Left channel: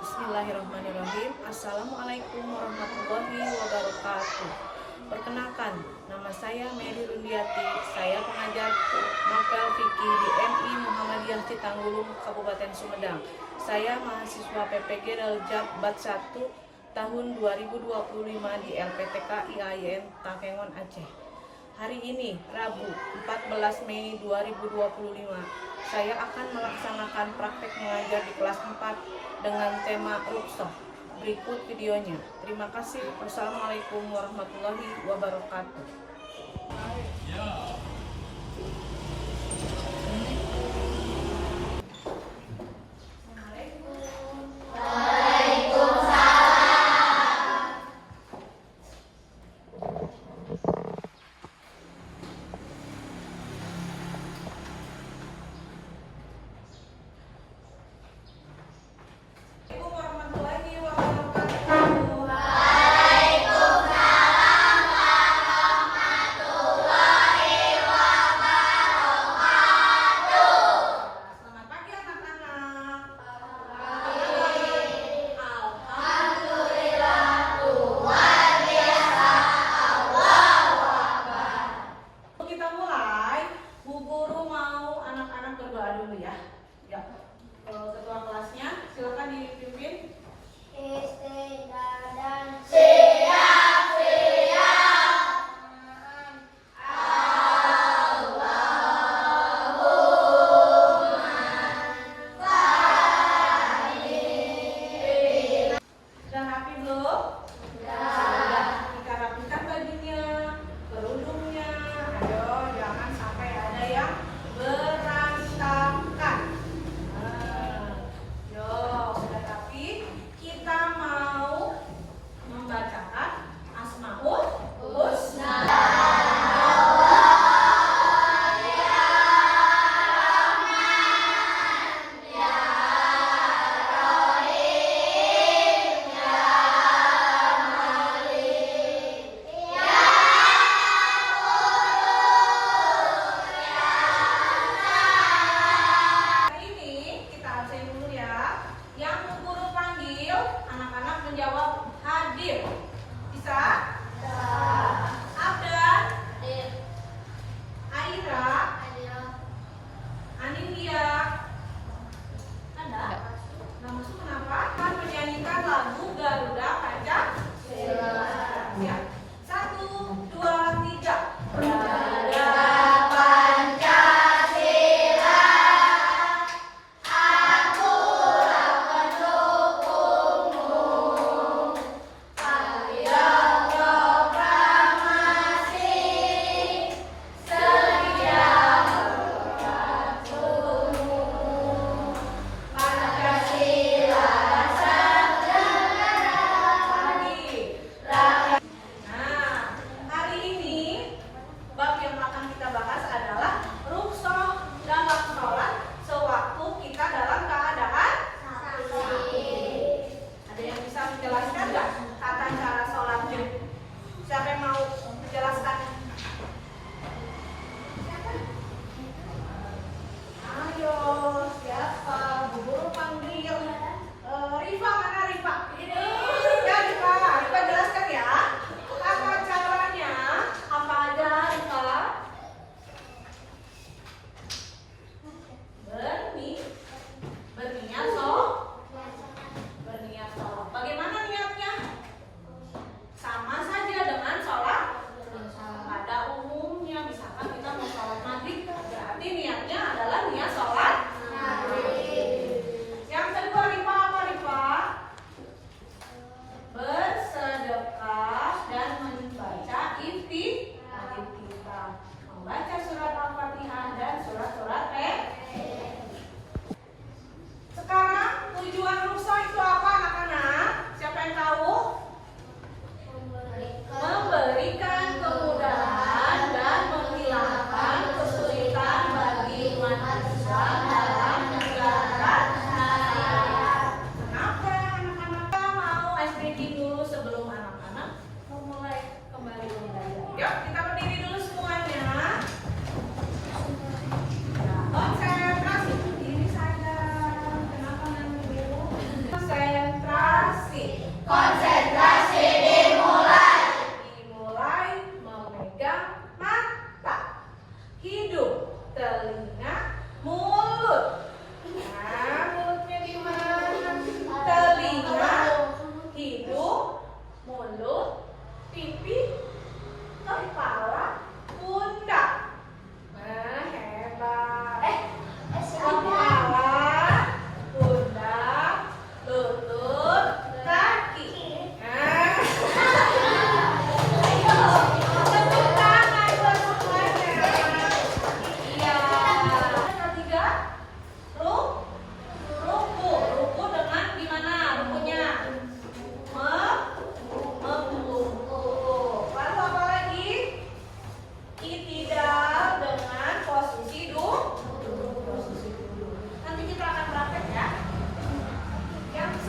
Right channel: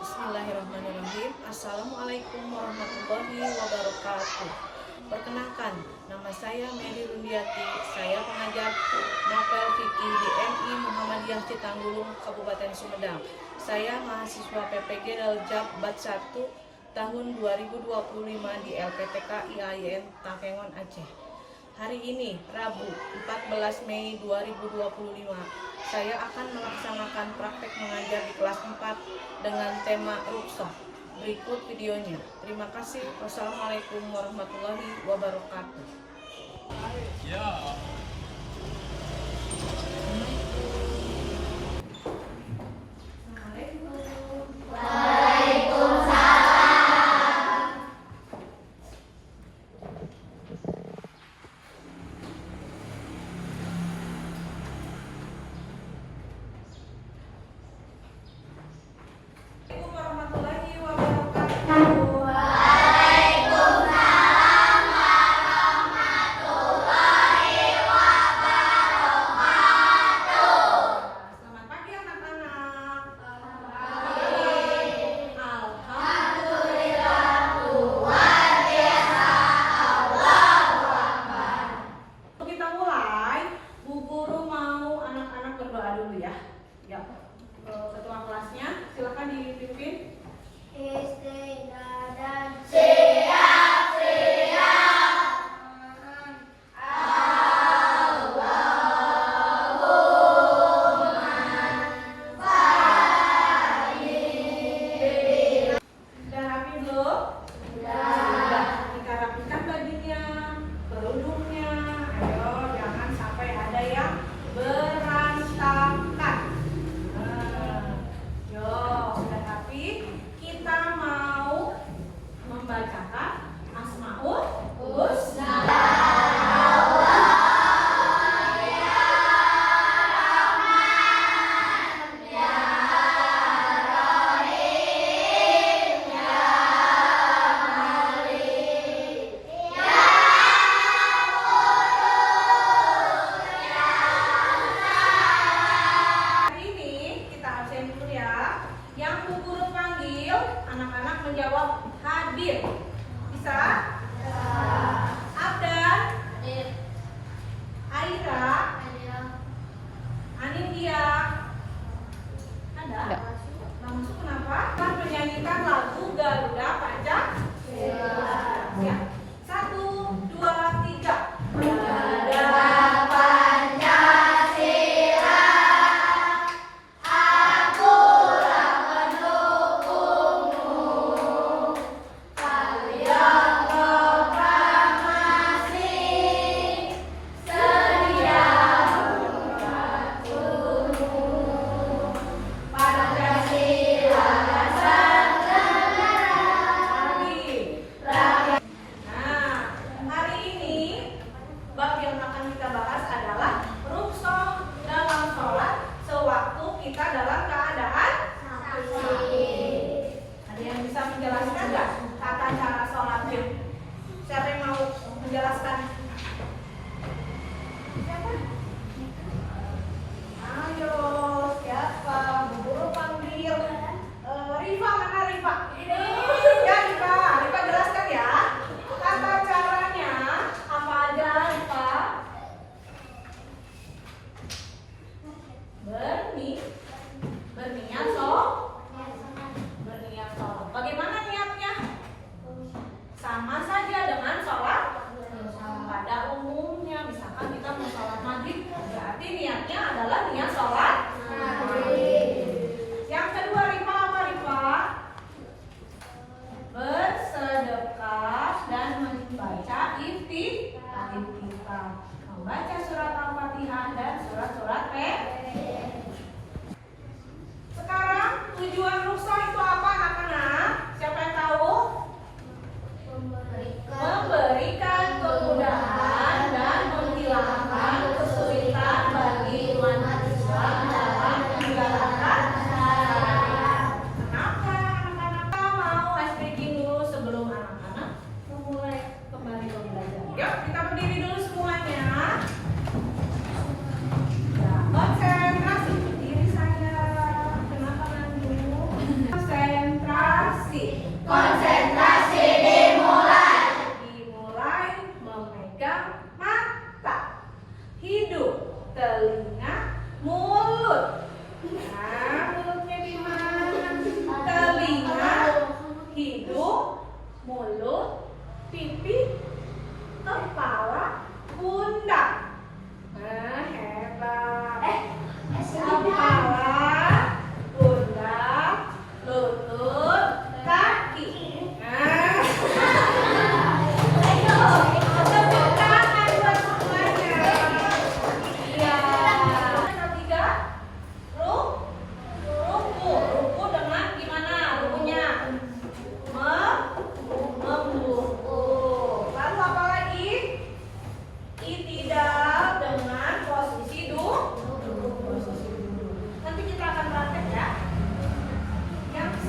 Bismillahirrahmanirrahim. Assalamualaikum warahmatullahi wabarakatuh. Perkenalkan, nama saya Mary Rundiati. Saya pengajar novel fikih di MI Muhammadiyah Citanggulung, Kabupaten Sumedang. Saya mahasiswa PPG Daljab Bat 1 tahun 2025 di LPTK IAIN Takengon, Aceh. Hari ini, Rabu 14 Mei 2025, saya akan melaksanakan praktek mengajar di kelas 4 dengan tema ruqsah. Berikut videonya. Terima kasih. Wassalamualaikum warahmatullahi wabarakatuh. Ketua kelasnya silakan dipimpin. Istighfar dan Sudah rapi belum? Sudah. Kita rapikan bajunya, kerudungnya. Ayo, jangan sampai ada yang berantakan. Yo, sudah rapi. Kita mau membacakan Asmaul Husna. Yang Bu Guru panggil, anak-anak menjawab hadir. Bisa? Abdan, Aira, Anindya, ada? Nggak masuk kenapa? Akan menyanyikan lagu Garuda Pancasila. Ya, 1, 2, 3. Garuda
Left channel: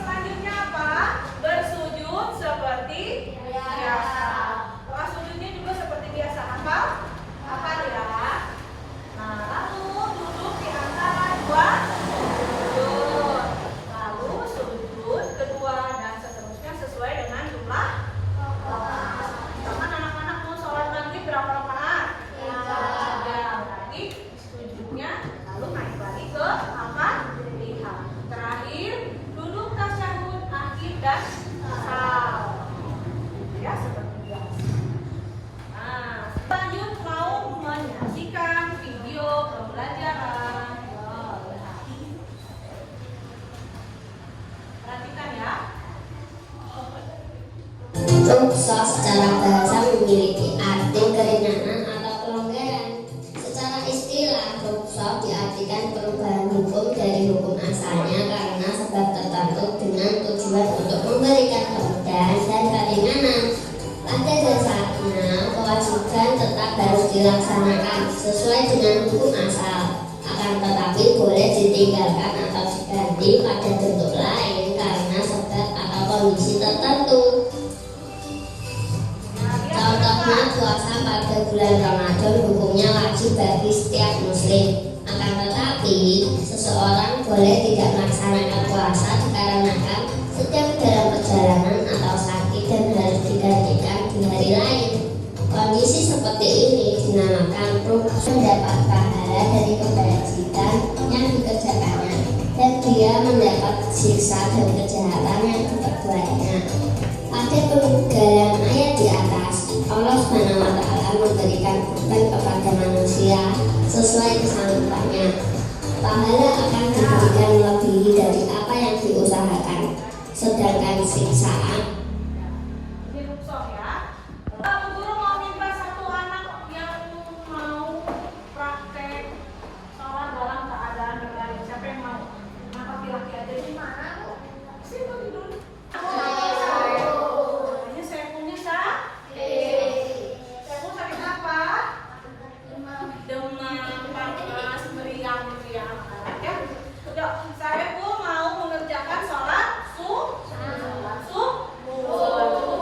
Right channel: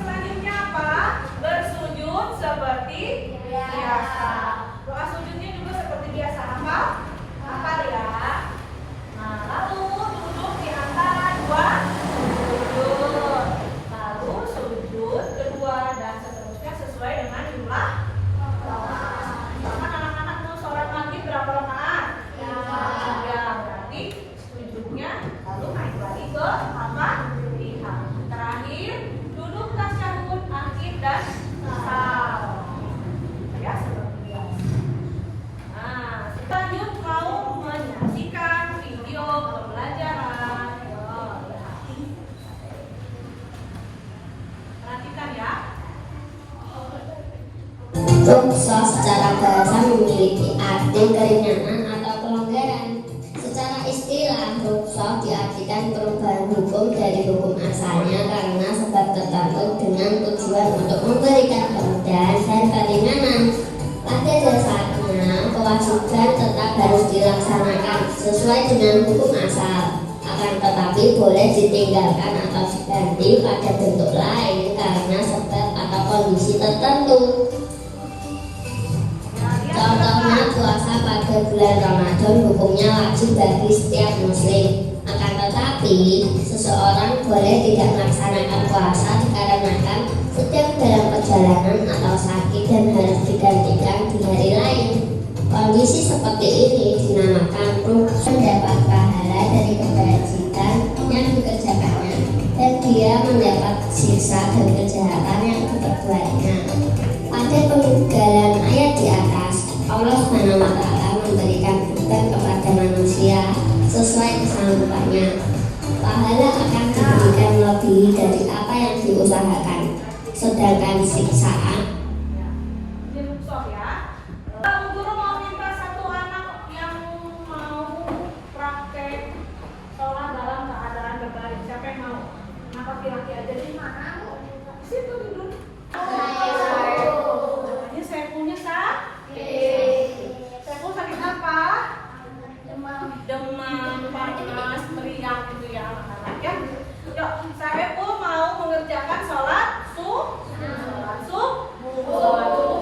selanjutnya apa? Bersujud seperti biasa. Doa sujudnya juga seperti biasa. Hafal ya. Nah, lalu duduk di antara dua sujud. Lalu sujud kedua dan seterusnya sesuai dengan jumlah. Anak-anak mau sholat maghrib berapa rakaat? 3. Berarti sujudnya lalu naik lagi ke apa? 3. Terakhir duduk tasyahud akhir dan salam. Ya, seperti biasa. Nah, lanjut mau menyaksikan video pembelajaran. Perhatikan ya. Rukso secara bahasa memiliki arti keringanan atau pelonggaran. Secara istilah, rukso diartikan perubahan hukum dari hukum asalnya karena sebab tertentu dengan tujuan untuk memberikan kemudahan dan keringanan. Pada dasarnya, kewajiban tetap harus dilaksanakan sesuai dengan hukum asal. Akan tetapi boleh ditinggalkan atau diganti pada bentuk lain karena sebab atau kondisi tertentu. Contohnya puasa pada bulan Ramadan hukumnya wajib bagi setiap muslim. Akan tetapi seseorang boleh tidak melaksanakan puasa dikarenakan sedang dalam perjalanan atau sakit dan harus digantikan di hari lain. Kondisi seperti ini dinamakan rukso, mendapat pahala dari kebajikan yang dikerjakannya dan dia mendapat siksa dan kejahatan yang diperbuatnya. Pada pengugalan ayat di atas, Allah SWT memberikan beban kepada manusia sesuai kesanggupannya. Pahala akan diberikan lebih dari apa yang diusahakan, sedangkan siksaan. Ini rukso ya. Lalu guru mau minta satu anak yang mau praktek sholat dalam keadaan berbaring. Siapa yang mau? Nah, laki-laki aja di mana? Situ tidur. Namanya saya punya Saiful sakit apa? Demam, panas, meriang itu ya anak-anak ya. Yuk, Saiful mau mengerjakan sholat subuh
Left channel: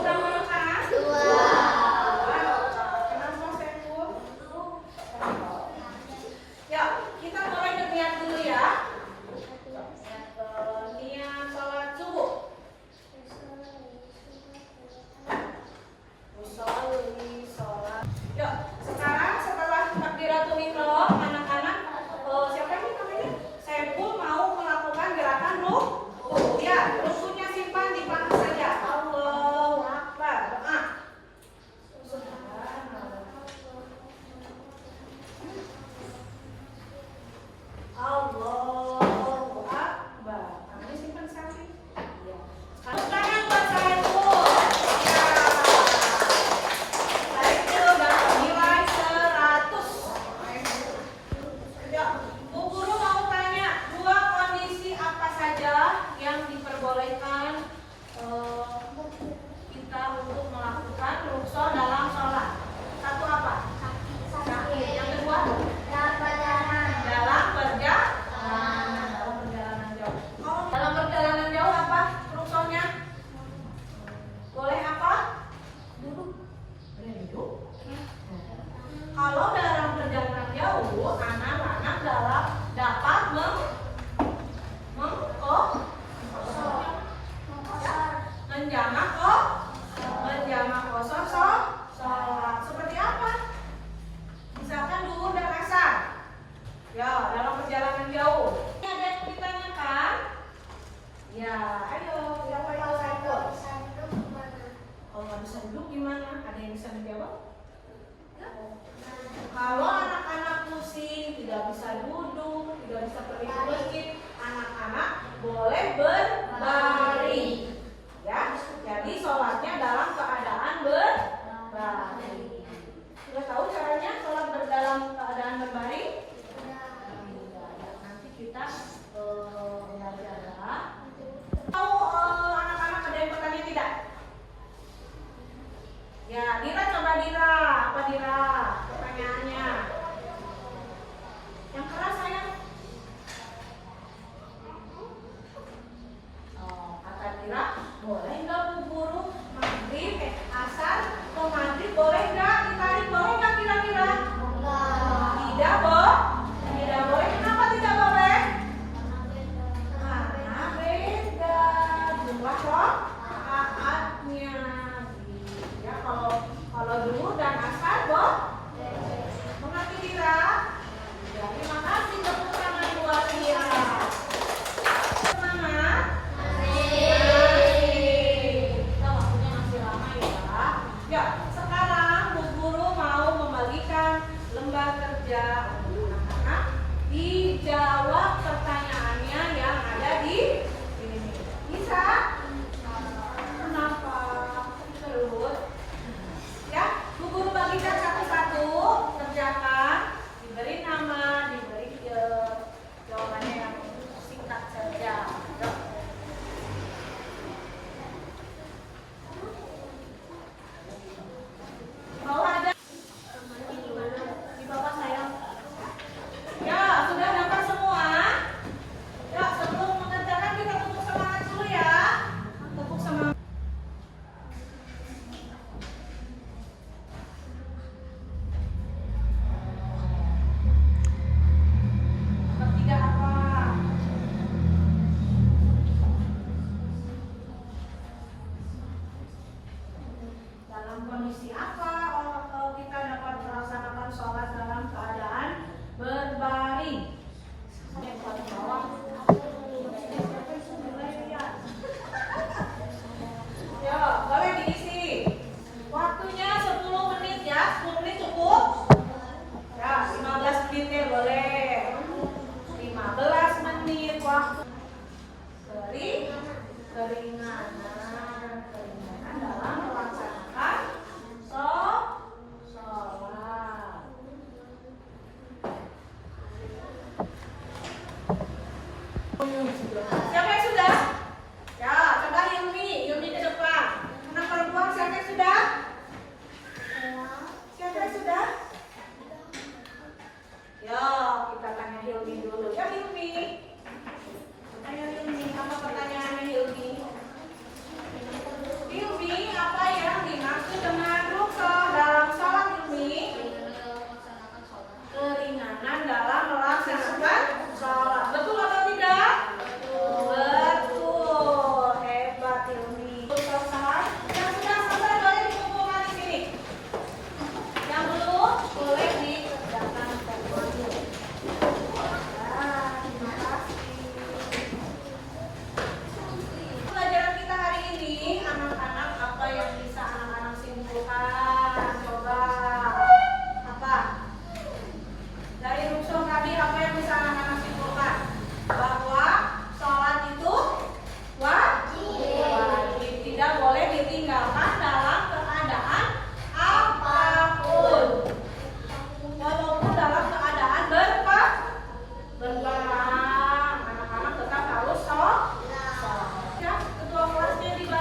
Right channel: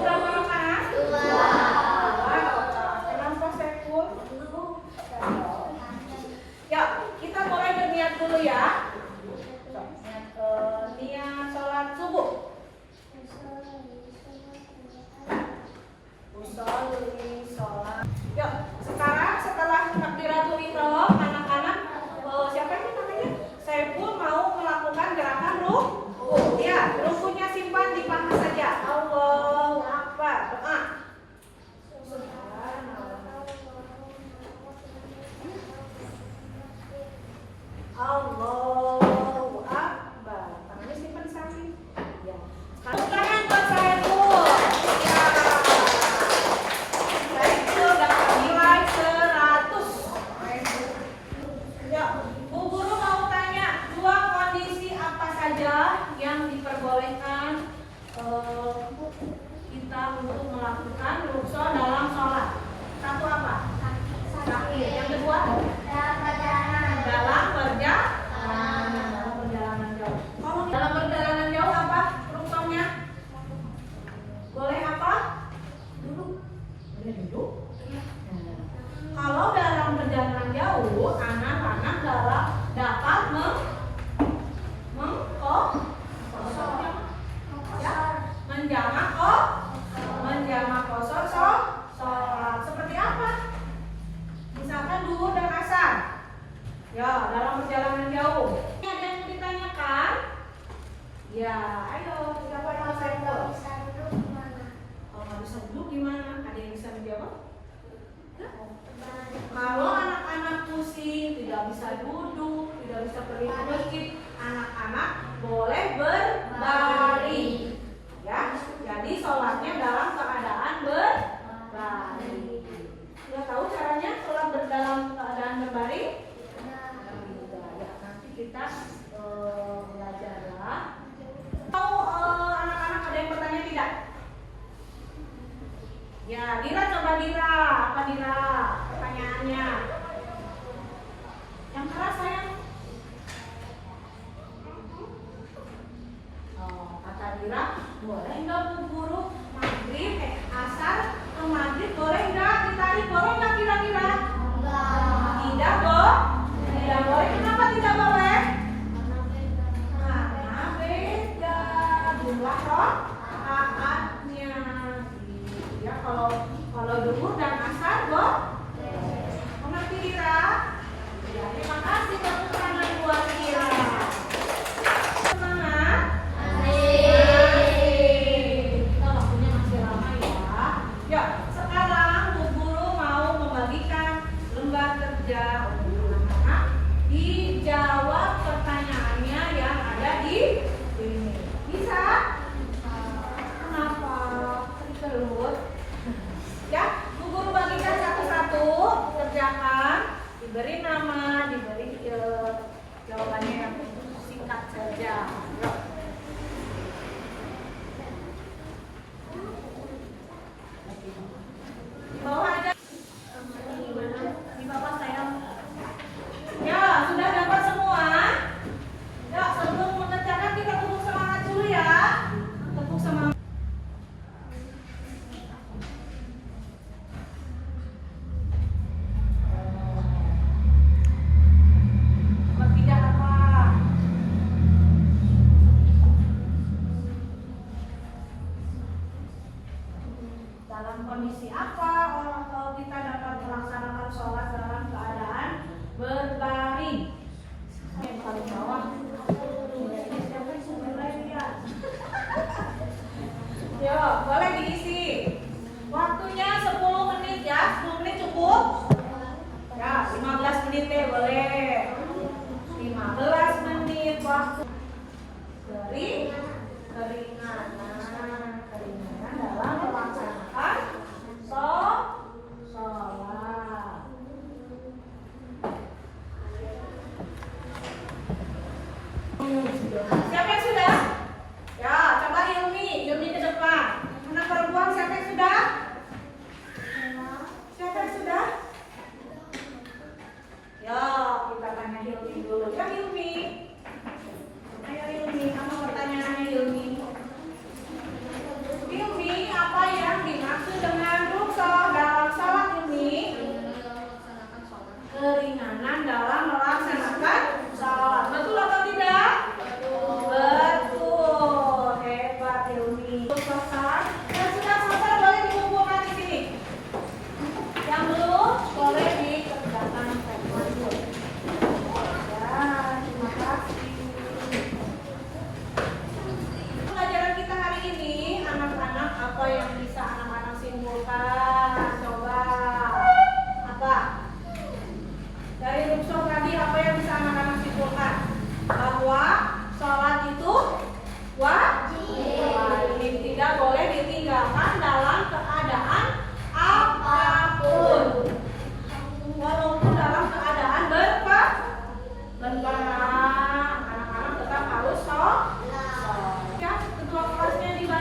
berapa rakaat? 2. Kenapa Saiful? Ya, kita mulai berniat dulu ya. Niat sholat subuh. Sholat. Yuk, sekarang setelah takbiratul ihram, anak-anak siapa ini namanya? Saiful mau melakukan gerakan ruku. Ya, rukunya simpan di paha saja. Allahu Akbar. Doa. Allahu Akbar. Tangannya simpan di samping. Ya. Sekarang buat Saiful. Ya. Saiful dapat nilai 100. Ya, Bu Guru mau tanya, 2 kondisi apa saja yang diperbolehkan kita untuk melakukan rukso dalam sholat? Satu apa? Sakit. Yang kedua? Dalam perjalanan jauh. Kalau dalam perjalanan jauh apa ruksonya? Boleh apa? Boleh duduk. Kalau dalam perjalanan jauh, anak-anak dapat menjamak kosor sholat. Seperti apa? Misalkan duhur dan asar. Ya, dalam perjalanan jauh. Ada yang ditanyakan? Ya, ayo, siapa yang mau sampel? Oh, nggak bisa duduk gimana? Ada yang bisa menjawab? Ya. Kalau anak-anak pusing, tidak bisa duduk, tidak bisa pergi ke masjid, anak-anak boleh berbaring. Ya, jadi sholatnya dalam keadaan berbaring. Sudah tahu caranya sholat dalam keadaan berbaring? Ya, nanti kita belajar ya. Tahu anak-anak ada yang bertanya tidak? Ya, Dira coba Dira. Apa Dira? Pertanyaannya. Yang keras sayang. kira-kira boleh nggak Bu Guru maghrib, asar ke maghrib boleh nggak ditarik, boleh nggak kira-kira? Tidak, tidak boleh. Kenapa tidak boleh? Karena beda jumlah rakaatnya. Ya kalau zuhur dan asar mengerti Ira? Ya, terima kasih tepuk tangan buat Ira. Semangat. Kita waktunya masih lama ya. Ya, sekarang Bu Guru mau membagikan lembar kerja untuk anak-anak. Dijawab pertanyaannya yang ada di sini. Bisa? Kenapa? Terus? Ya, Bu Guru bagikan satu-satu, kerjakan, diberi nama, diberi jawabannya yang singkat saja. Yuk. Di bawah aja. Di bawah saya. Ya, sudah dapat semua? Ya, sebelum mengerjakan kita tepuk semangat dulu ya. Tepuk semangat. Bertiga apa? Dalam kondisi apa kalau kita dapat melaksanakan sholat dalam keadaan berbaring? Yang paling bawah. Ya, boleh diisi. Waktunya 10 menit ya. 10 menit cukup? Ya, 15 menit deh boleh. 15 menit waktu. Keringanan dalam melaksanakan sholat. Siapa yang sudah? Ya, coba Yumi ke depan. Anak perempuan siapa yang sudah? Siapa yang sudah? Ya, kita tanya Yumi dulu. Ya Yumi. Ayo Yumi, kamu pertanyaannya Yumi. Yumi, apa yang dimaksud dengan rukhsah dalam sholat Yumi? Keringanan dalam melaksanakan sholat. Betul atau tidak? Betul. Hebat Yumi. Selesai. Yang sudah selesai boleh dikumpulkan di sini. Yang belum boleh dikerjakan dulu. Ya, terima kasih. Pelajaran kita hari ini, anak-anak, apa yang bisa anak-anak simpulkan? Coba. Apa? Dari rukhsah tadi apa yang bisa anak-anak simpulkan? Bahwa sholat itu wajib, tidak boleh ditinggalkan dalam keadaan apapun, walaupun dalam keadaan berperang, anak-anak tetap harus sholat. Ya, ketua kelasnya di ya?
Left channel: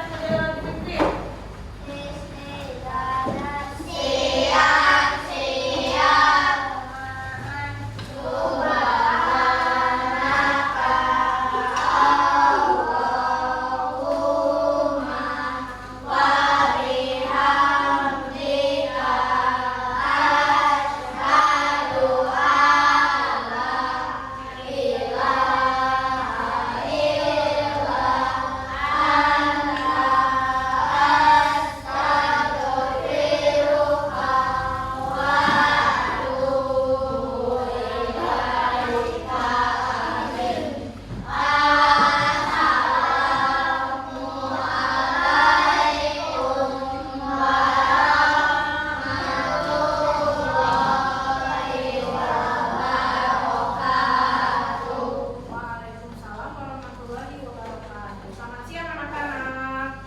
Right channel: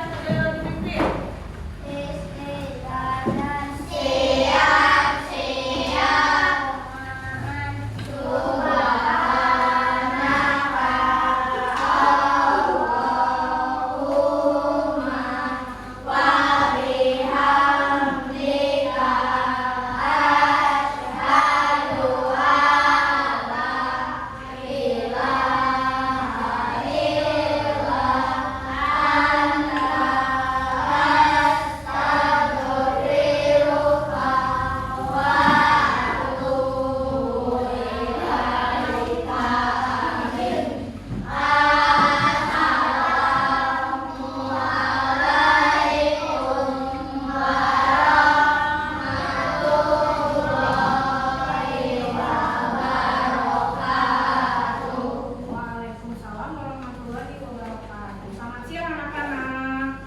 Waalaikumsalam warahmatullahi wabarakatuh. Selamat siang anak-anak.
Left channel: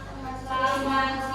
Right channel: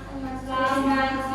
Selamat